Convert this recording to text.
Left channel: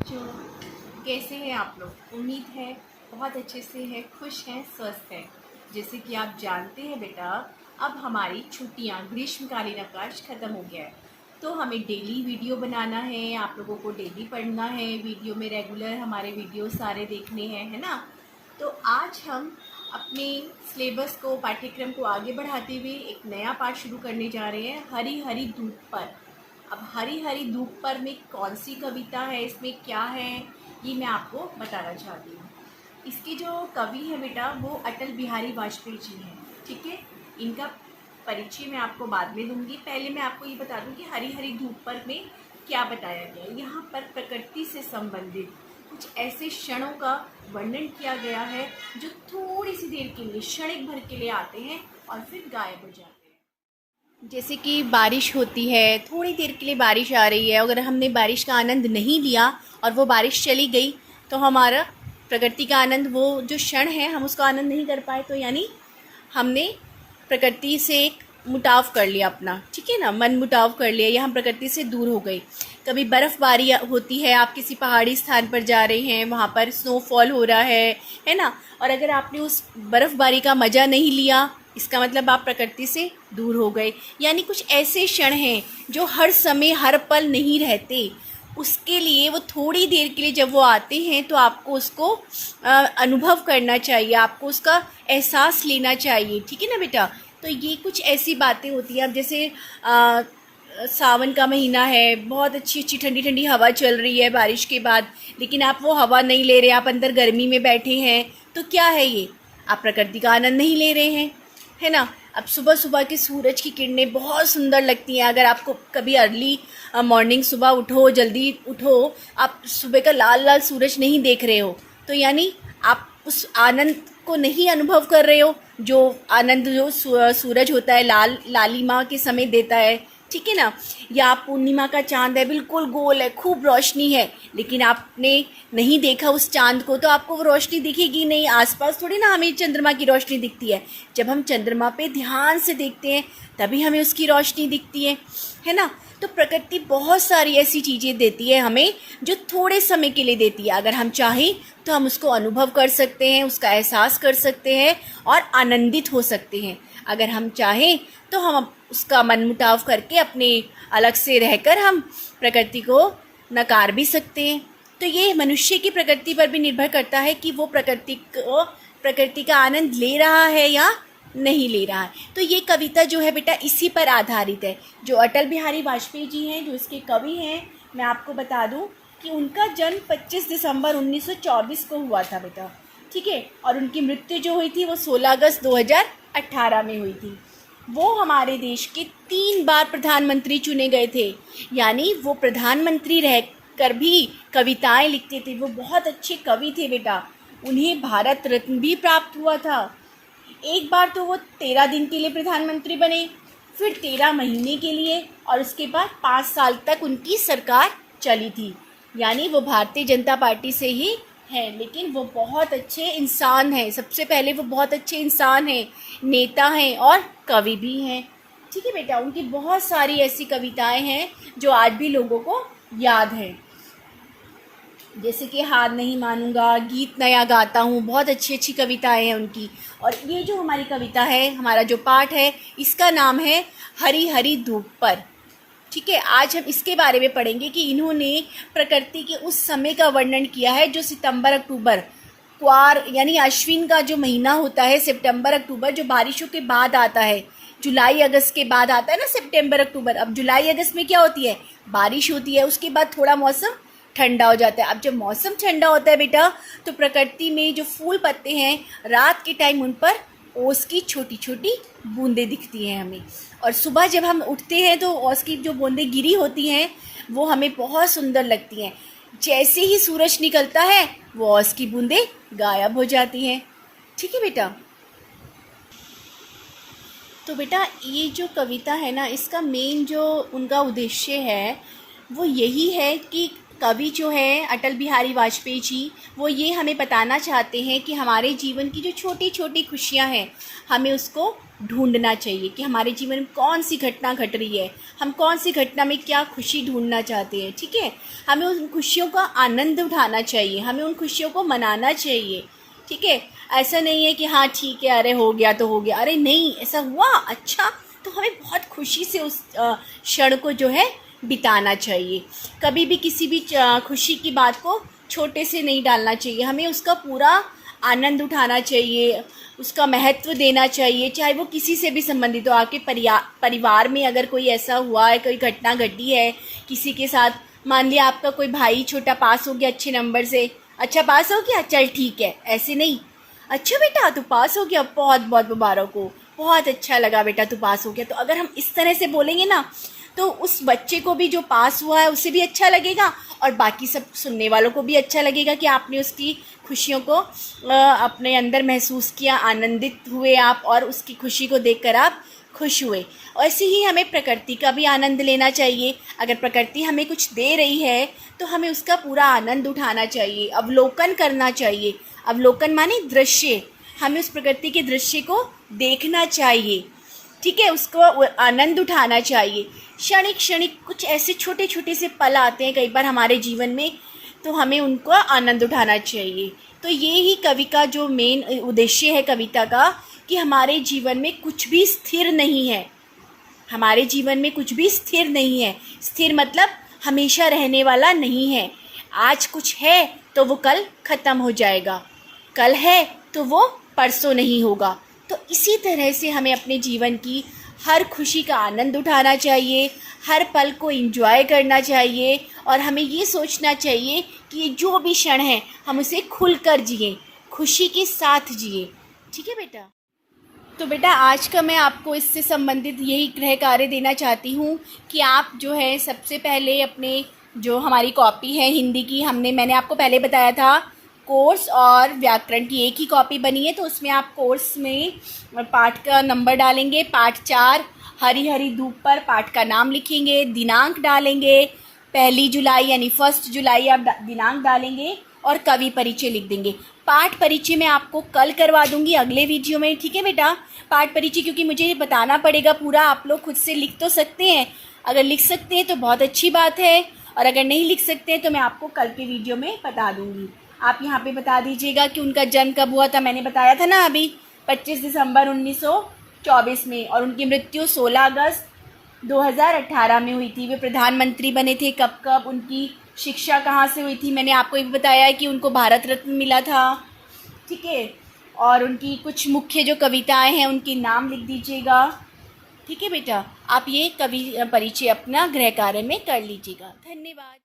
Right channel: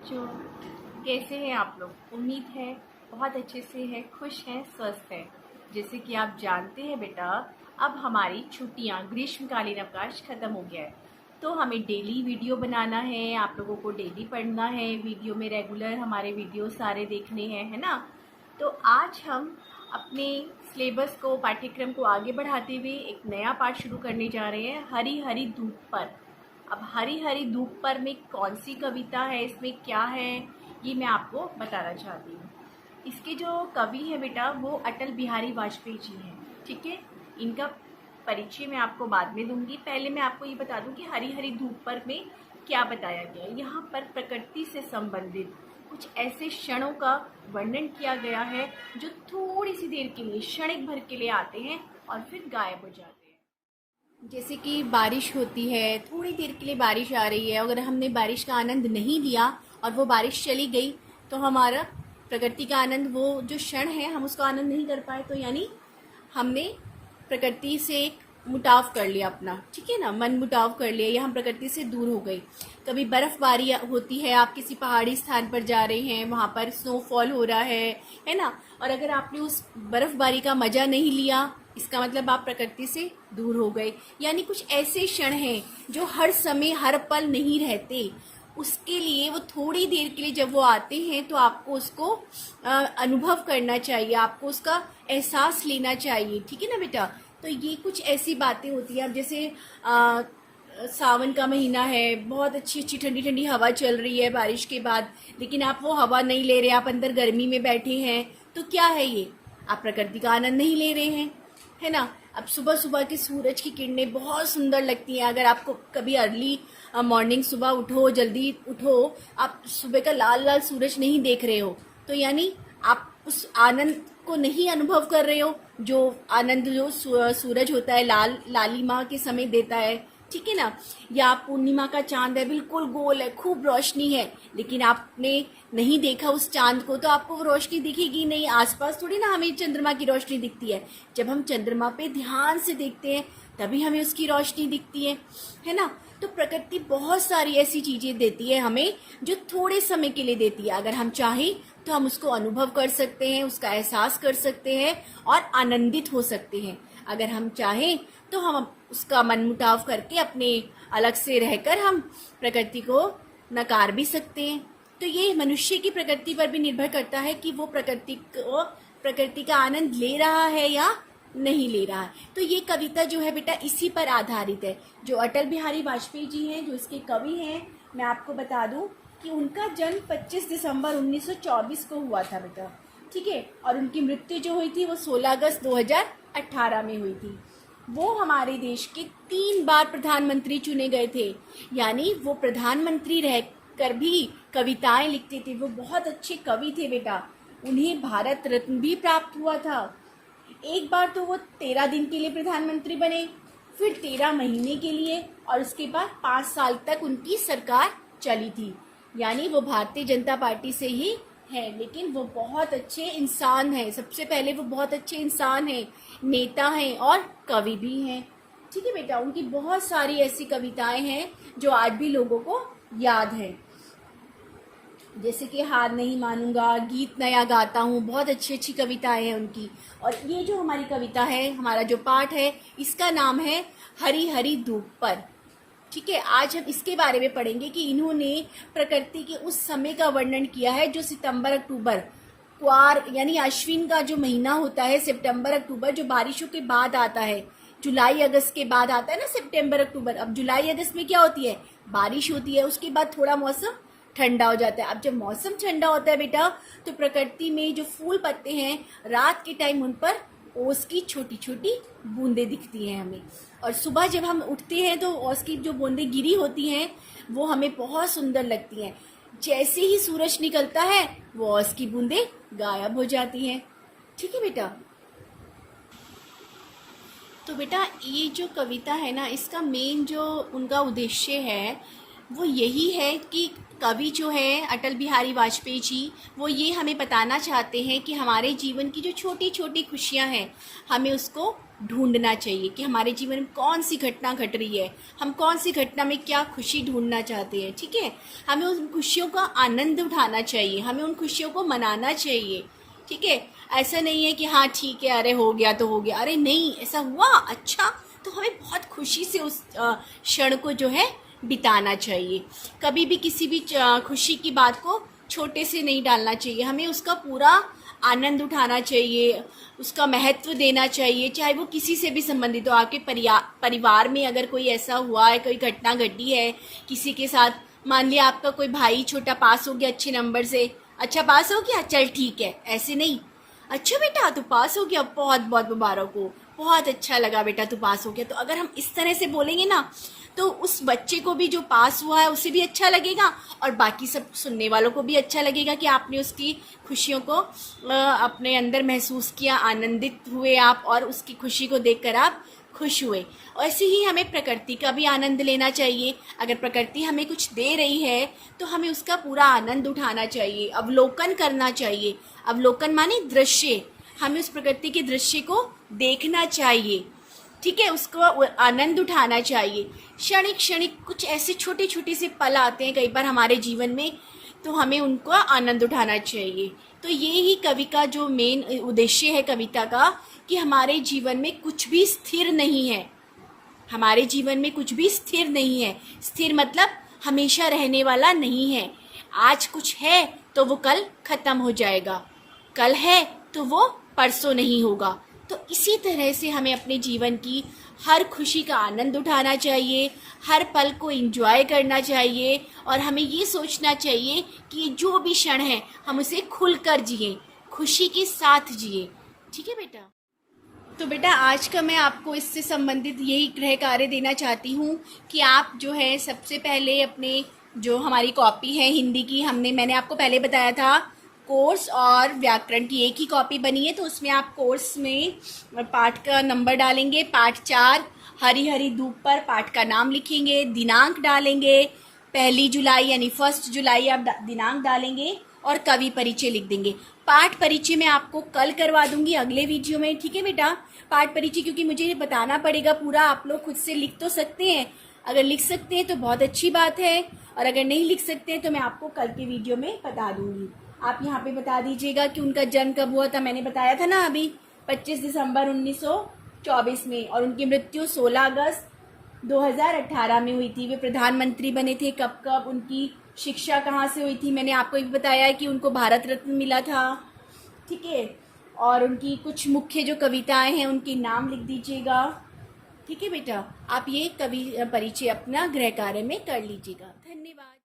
बच्चों, कैसे हैं आप लोग? उम्मीद है बहुत अच्छे से हैं, खुश हैं, स्वस्थ हैं। जैसे कि आप जानते हैं बेटा, अब हमारी छुट्टियां, ग्रीष्मकालीन अवकाश ख़त्म हो गया है। तो हमें डेली वीडियो बनाना है, आप लोगों को डेली पढ़ना है, वीडियो में रेगुलर हमारे वीडियो सारे देखने हैं, है ना। तो आज हम अपने सिलेबस को, पाठ्यक्रम को आगे बढ़ाते हुए एक नया पाठ शुरू करने जा रहे हैं, हरी हरी धूप पर। अब हरी हरी धूप पर में कौन सी कविता है, इसमें क्या है, ये मैं आपको बताना चाहती हूँ। इसके जो कवि हैं बेटा, वो अटल बिहारी वाजपेयी जी हैं। ठीक है, इनका परिचय मैं आपको बाद में दूंगी। पहले मैं आपको ये बता दूं कि हरी हरी धूप पर में क्या बताया गया है। यहाँ पर प्रकृति से संबंधित कुछ ऐसे क्षणों का वर्णन किया गया है जो थोड़ी सी देर के लिए, क्षणिक भर के लिए आते हैं और फिर गायब हो जाते हैं। जैसे कि बारिश होती है, थोड़ी देर के लिए बारिश आ रही है, अगर हमने बारिश का आनंद नहीं लिया और वो बारिश चली गई तो हमारा प्रकृति का आनंद, वो जो क्षण है हम उसका आनंद नहीं कर पाए, तो यानी हमने प्रकृति से एक मुटाव कर लिया अपना। ठीक है ना, मन मुटाव कर लिया या हम प्रकृति से दूर हो गए। कभी बर्फ़बारी होती है, आप किसी पहाड़ी स्थान पर जा रहे हैं, वहाँ पर स्नोफॉल हो रहा है ना, और अगर आपने उस बर्फ़बारी का मज़ा नहीं लिया, इसका मतलब आप प्रकृति से दूर हो गए। यानी कुछ ऐसे क्षण हैं जो हर समय हर पल नहीं रहते, उसके लिए वो थोड़ी देर के लिए जब वो आते हैं तो आपको उसको अनुभव करना चाहिए, आपको उसका एहसास लेना चाहिए। ठीक है ना बेटा, तो ये कुछ ऐसी बातें होती हैं। अब जैसे सावन का महीना है, बहुत अच्छी अच्छी ठंडी ठंडी हवा चल रही है बारिश के बाद, लेकिन आप वो हवा नहीं ले रहे, आप अंदर गर्मी में बैठे हैं, तो क्या है ये? आप प्रकृति का आनंद नहीं ले रहे हैं, है ना। अब सुबह सुबह की सूरज की किरणें बहुत सुंदर लगती हैं। अगर आपको कभी अर्ली मॉर्निंग, सुबह उठो, जल्दी उठो, आप सुबह का लाल लाल सूरज नहीं देख रहे हो, तो यानी आप उस आनंद को नहीं अनुभव कर रहे हो, जो आनंद जो सूरज होता है लाल लालिमा के समय देता है। ठीक है ना, या पूर्णिमा का चांद है, बिल्कुल गोल है, खूब रोशनी है, लेकिन आपने नहीं देखा उस चांद को, तो आपको वो रोशनी दिखेगी नहीं। आसपास थोड़ी ना हमें चंद्रमा की रोशनी दिखती है, जब हम चंद्रमा पे ध्यान से देखते हैं तभी हमें उसकी रोशनी दिखती है ना। तो प्रकृति बहुत सारी ऐसी चीज़ें देती है हमें जो थोड़े समय के लिए देती है। अगर हम चाहें तो हम उसको अनुभव कर सकते हैं, उसका एहसास कर सकते हैं और आनंदित हो सकते हैं। अगर हम चाहें तो हम उसका मनमुटाव करके अपने अलग से रहकर हम प्रकृति को नकार भी सकते हैं। तो ये मनुष्य की प्रकृति पर भी निर्भर करता है कि वो प्रकृति का आनंद ले रहा है या नहीं ले रहा है। तो ये कविता जो है बेटा इसी पर आधारित है। जो अटल बिहारी वाजपेयी जी हैं, जो इसके कवि हैं, मैं आपको बता दूं कि उनका जन्म 25 दिसंबर 1924 को हुआ था बेटा। ठीक है, और उनकी मृत्यु जो हुई थी वो 16 अगस्त 2018 में हुई थी। वो हमारे देश के 3 बार प्रधानमंत्री चुने गए थे, यानी वो प्रधानमंत्री रहकर भी कविताएं लिखते थे। वो बहुत अच्छे कवि थे बेटा। उन्हें भारत रत्न भी प्राप्त हुआ था। एक बार तो वो 13 दिन के लिए प्रधानमंत्री बने, फिर 13 महीने के लिए, और उसके बाद 5 साल तक उनकी सरकार चली थी। यानी वो भारतीय जनता पार्टी से ही हैं, लेकिन वो बहुत अच्छे इंसान हैं। सबसे पहले वो बहुत अच्छे इंसान हैं, नेता हैं और कवि भी हैं। ठीक है बेटा, उनकी बहुत सारी ऐसी कविताएं हैं जो आज भी लोगों को याद हैं, जैसे कि हार नहीं मानूंगा, गीत नया गाता हूँ, बहुत अच्छी अच्छी कविताएं हैं उनकी। और ये जो हमारी कविता है, हमारा जो पाठ है, इसका नाम है हरी हरी धूप पर। ठीक है, आज हम इसके बारे में पढ़ेंगे कि इन्होंने प्रकृति के उस समय का वर्णन किया है जो सितंबर अक्टूबर, क्वार यानी अश्विन का जो महीना होता है, सितंबर अक्टूबर, जो बारिशों के बाद आता है। जुलाई अगस्त के बाद आता है ना सितंबर अक्टूबर। अब जुलाई अगस्त में क्या होती है? बारिश होती है, उसके बाद थोड़ा मौसम ठंडा हो जाता है। अब जब मौसम ठंडा होता है बेटा, तो प्रकृति में जो फूल पत्ते हैं, रात के टाइम उन पर ओस की छोटी छोटी बूंदें दिखती हैं हमें, और सुबह जब हम उठते हैं तो ओस की जो बूंदें गिरी होती हैं वो हमें बहुत सुंदर लगती हैं। जैसे ही सूरज निकलता है वो ओस की बूंदें गायब हो जाती हैं। ठीक है बेटा, तो बेटा ये जो कविता है ना, इसका मेन जो उनका उद्देश्य है वो यही है कि कवि जो है अटल बिहारी वाजपेयी जी, वो ये हमें बताना चाहते हैं कि हमारे जीवन की जो छोटी छोटी खुशियाँ हैं, हमें उसको ढूंढना चाहिए कि हमारे जीवन में कौन सी घटना घट रही है, हम कौन सी घटना में क्या खुशी ढूंढना चाहते हैं। ठीक है, हमें उन खुशियों का आनंद उठाना चाहिए, हमें उन खुशियों को मनाना चाहिए। ठीक है, ऐसा नहीं है कि हाँ ठीक है, अरे हो गया तो हो गया, अरे नहीं ऐसा हुआ अच्छा, तो हमें बहुत खुशी से उस क्षण को जो है बिताना चाहिए। कभी भी किसी भी खुशी की बात को छोटे से नहीं डालना चाहिए, हमें उसका पूरा आनंद उठाना चाहिए, उसका महत्व देना चाहिए, चाहे वो किसी से भी संबंधित हो। आपके परिवार में अगर कोई ऐसा हुआ है, कोई घटना घटी है किसी के साथ, मान लिया आपका कोई भाई छोटा पास हो गया अच्छे नंबर से, अच्छा पास हो गया, चल ठीक है, ऐसे नहीं, अच्छा बेटा तू पास हो गया, बहुत बहुत मुबारक हो, बहुत अच्छा लगा बेटा तू पास हो गया। तो अगर हम इस तरह से बोलेंगे ना, तो उस बच्चे को भी जो पास हुआ है उसे भी अच्छा लगेगा, और बाकी सब सुनने वालों को भी अच्छा लगेगा कि आपने उसकी खुशियों को अपने अंदर महसूस किया, आनंदित हुए आप, और उसकी खुशी को देखकर आप खुश हुए। ऐसे ही हमें प्रकृति का भी आनंद लेना चाहिए। अगर प्रकृति हमें कुछ दे रही है तो हमें उसका पूरा आनंद उठाना चाहिए, अवलोकन करना चाहिए। अवलोकन माने दृश्य, हमें उस प्रकृति के दृश्य को देखना चाहिए। ठीक है, उसको आनंद उठाना चाहिए। क्षणिक क्षणिक कुछ ऐसे छोटे छोटे से पल आते हैं कई बार हमारे जीवन में, तो हमें उनको आनंद उठाना चाहिए। तो ये ही कवि का जो मेन उद्देश्य है कविता का, कि हमारे जीवन में कुछ भी स्थिर नहीं है, हमारे जीवन में कुछ भी स्थिर नहीं है। स्थिर मतलब हमेशा रहने वाला नहीं है। आज कुछ है तो वो कल ख़त्म हो जाएगा, कल है तो वो परसों नहीं होगा। तो इसी तरह से हमें अपने जीवन की हर खुशी का आनंद उठाना चाहिए, हर पल को एंजॉय करना चाहिए, और हमें ये सोचना चाहिए कि ये जो भी क्षण है हम उसे खुलकर जिए, खुशी के साथ जिए। ठीक है बेटा। तो बेटा आज का मैं आपको इससे संबंधित यही गृह कार्य देना चाहती हूँ कि आप जो है सबसे पहले अपने जो हमारी कॉपी है हिंदी की, मैंने आपको पहले बताया था कोर्स और व्याकरण की एक ही कॉपी बनी है, तो उसमें आप कोर्स में पाठ का नंबर डालेंगे, पाठ 4 हरी हरी धूप पर पाठ का नाम लिखेंगे, दिनांक डालेंगे 1 जुलाई यानी 1 जुलाई आप दिनांक डालेंगे, और कवि परिचय लिख देंगे। पाठ परिचय मैं आपको कल करवा दूंगी अगले वीडियो में। ठीक है बेटा, पाठ परिचय क्योंकि मुझे बताना पड़ेगा पूरा, आप लोग खुद से लिख तो सकते हैं, अगर लिख सकते हैं तो बहुत अच्छी बात है, और अगर नहीं लिख सकते हैं तो मैं आपको कल के वीडियो में बता दूंगी। आप यहाँ पे बता दीजिएगा कि उनका जन्म कब हुआ था। मैंने बताया था ना अभी 25 दिसंबर 1924 में, और उनकी मृत्यु 16 अगस्त 2018 में हुई थी। वे प्रधानमंत्री बने थे कब, उनकी शिक्षा कहाँ से हुई थी, मैंने आपको ये भी बताया है कि उनको भारत रत्न मिला था। ठीक है, और उनकी कुछ मुख्य जो कविताएं हैं उनके नाम लिख दीजिएगा। ठीक है बेटा, आप ये कवि परिचय अपना गृह कार्य में कर लीजिएगा। धन्यवाद।